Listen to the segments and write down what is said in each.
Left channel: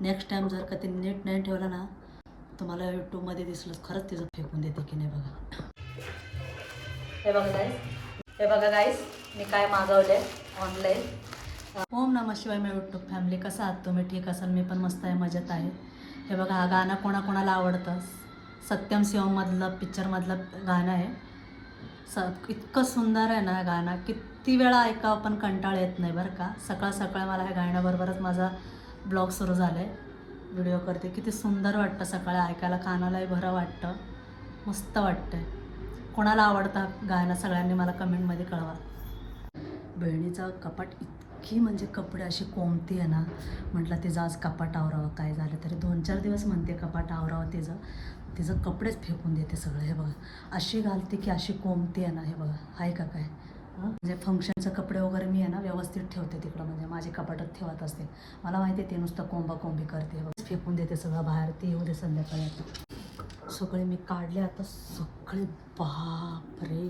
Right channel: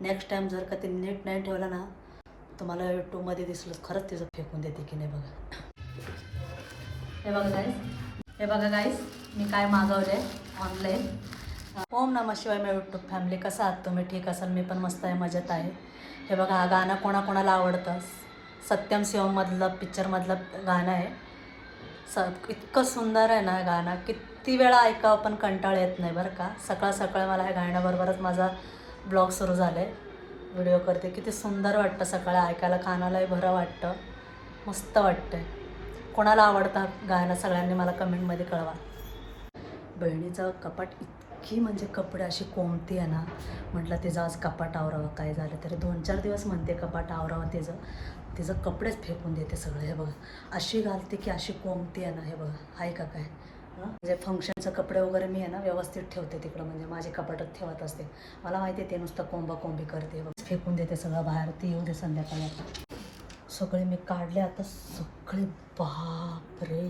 Next time जर का ते नीट नाही ठेवलं ना, तुम्हाला यूट्यूबमध्ये दिसलं खरंच तिचं फेकून देते की नाही बघा. हे बघा गाईस मी काय मागवले ऑनलाईन. ओम नमः शिवाय मी यूट्यूब फॅमिली. कसं आहात तुम्ही? ठीक असाल? मी पण मस्त आहे, मजेत आहे. हे बघा हा गाणं कोणाकोणाला आवडतं. सत्यम शिवममधलं पिक्चरमधलं गाणं आहे. इतकं सुंदर आहे ना गाणं, किती वेळा ऐकावं पण कंटाळ येत नाही बरं का. सकाळ सकाळ मला हे गाण्याबरोबरच माझा ब्लॉग सुरू झाला आहे. व्हिडिओ करते. किती सुंदर वाटतं सकाळी ऐकायला, कानालाही बरं वाटतं, मस्त वाटतं. कोणाला आवडतं गाणं सगळ्यांनी मला कमेंटमध्ये कळवा. बहिणीचं कपाट इतकी म्हणजे कपडे अशी कोंबती आहे ना, म्हटलं तिचं आज कपाट आवरावं. काय झालं तरी 2-4 दिवस म्हणते कपाट आवरावं तिचं कपडेच फेकून देते सगळं. हे बघा अशी घालते की अशी कोंबती आहे ना. हे बघा आहे का काय. म्हणजे फंक्शनचं कपडे वगैरे मी आहे ना व्यवस्थित ठेवते तिकडं, म्हणजे माझे कपाटात ठेवत असते. मला माहिती आहे ते नुसतं कोंबी करते बघ, फेकून देते सगळं बाहेर. ती येऊ दे संध्याकाळी. आता सगळे मी काढले, आता सगळे. बापरे.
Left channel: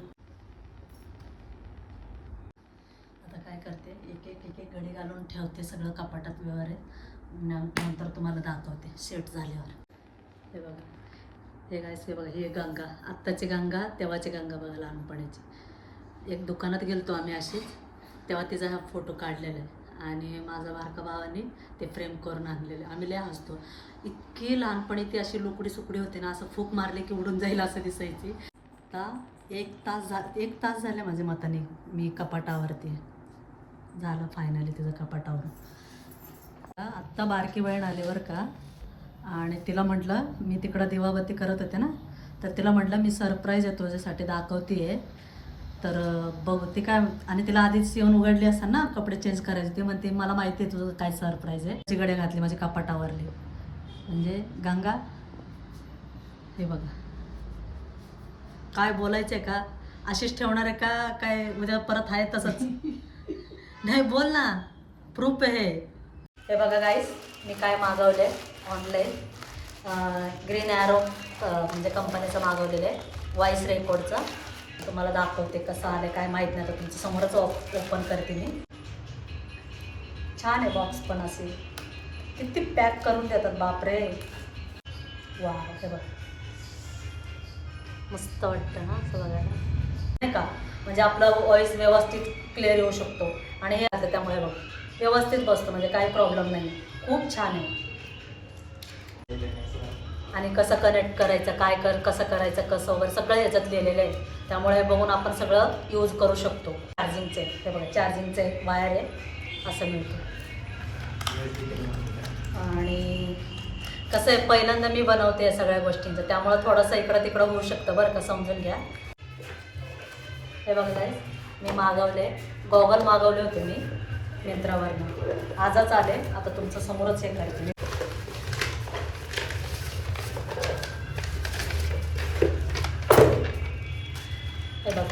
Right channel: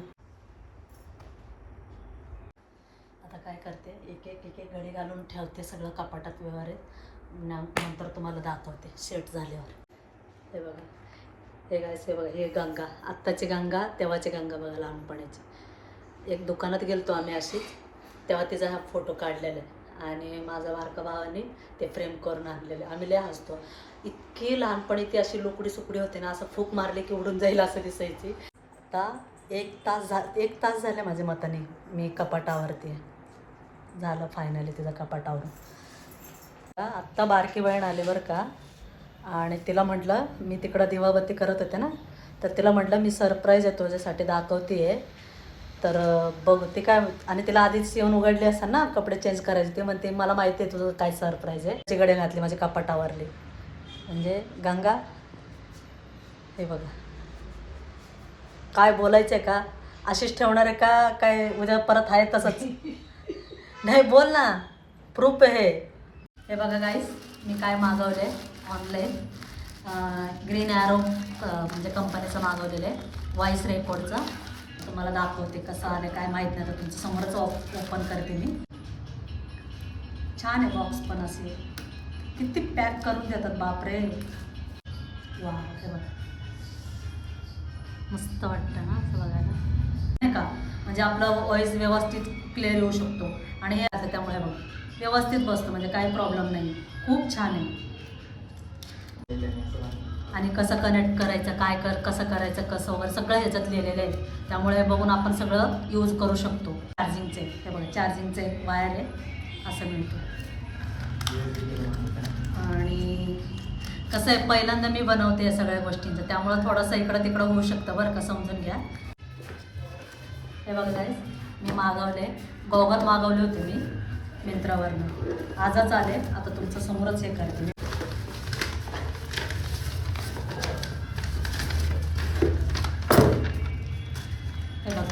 आता काय करते, एक एक घडी घालून ठेवते सगळं कपाटात व्यवहारित. नंतर तुम्हाला दाखवते सेट झाल्यावर. हे बघा हे गायस, हे बघा हे गंगा, आत्ताची गंगा तेव्हाची गंगा बघा, लहानपणाची. एक दुकानात गेलतो आम्ही अशीच, तेव्हा तिचा हा फोटो काढलेला आहे आणि माझा बारका भावाने ते फ्रेम करून आणलेले. आम्ही लय हसतो. इतकी लहानपणी ती अशी लुकडी सुकडी होते ना, असं फूक मारले की उडून जाईल असं दिसायची. आता एक तास झाले माझ्या मताने मी कपाटावरती झालं फायनली तिचं कपाटावरून. आत्ता बारकी बहीण आली बरं का, आणि तिला म्हटलं, मी तिकडं दिवाबत्ती करत होते ना, तर तिला म्हटलं मी सरप्राईज आहे तुझ्यासाठी, दाखवते आहे तर बघ. ती काय, आणि तिला आधीच येऊन उघडली असतात ना कपडे चेंज करायचे, ते म्हणते मला माहिती आहे तुझं काय सरप्राईज आहे. चिगडे घातली माझी कपाटावरली. म्हणजे गंगा हे बघा, काय बोलायचं आहे का, अशीच ठेवणार आहे का काय उद्या परत आहे तसंच. नाही बोल ना, प्रूफ आहे. हे बघा गाईस मी काय मागवले ऑनलाईन. ग्रीन ॲरो म्हणजे कंपनीचं मागवलेलं आहे, व्हॉइस रेकॉर्डचं. तुम्हाला दाखवते कसं आलं काय माहीत नाही, तर तुमच्या समोरच ओपन करते मी. छान आहे बॉक्स पण, असे किती पॅक करून देतात बापरे. वा हे बघ मस्त वाटतं ना असं बघायला, नाही का. म्हणजे आपला व्हॉइस व्यवस्थित क्लिअर येऊ शकतो. आणि हे असं त्यामुळे बघ व्यवस्थित बसतं, म्हणजे काही प्रॉब्लेम नाही. खूप छान आहे. आणि कसं कनेक्ट करायचं, कसं करायचं, कसं वगैरे सगळं ह्याच्यात लिहिलेलं आहे. त्यामुळे बघून आपण सगळं यूज करू शकतो. चार्जिंगचे हे बघा, चार्जिंगचं एक वायर आहे असं मिळतं. आणि कसं आहे, पहिल्यांदा मी बनवते या सगळ्या गोष्टींचं, त्यामुळं थोडंसं इकडं तिकडं होऊ शकतं बरं का, समजून घ्या. हे बघा काय मी मागवले, गॉगल मागवले होते मी मिंत्रावरनं, आजच आले. आता तुमच्या समोरच हे करते मी. हे बघा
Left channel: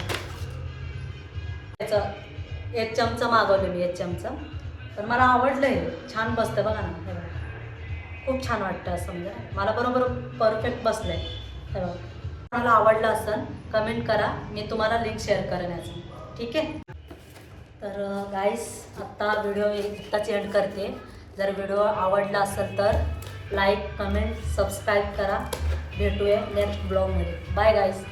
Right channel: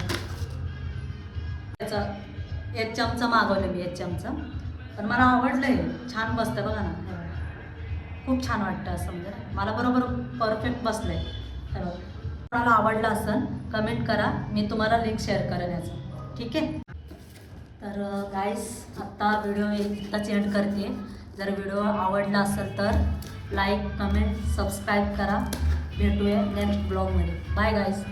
त्याचं एक चमचा मागवले मी, एक चमचा. पण मला आवडलं आहे, छान बसतं बघा ना. हे बघा खूप छान वाटतं असं, म्हणजे मला बरोबर परफेक्ट बसलं आहे. हे बघा कोणाला आवडलं असेल कमेंट करा, मी तुम्हाला लिंक शेअर करेन याचं, ठीक आहे. तर गाईस आत्ता व्हिडिओ इतकाच एंड करते. जर व्हिडिओ आवडला असेल तर लाईक, कमेंट, सबस्क्राईब करा. भेटूया नेक्स्ट ब्लॉगमध्ये. बाय गाईस.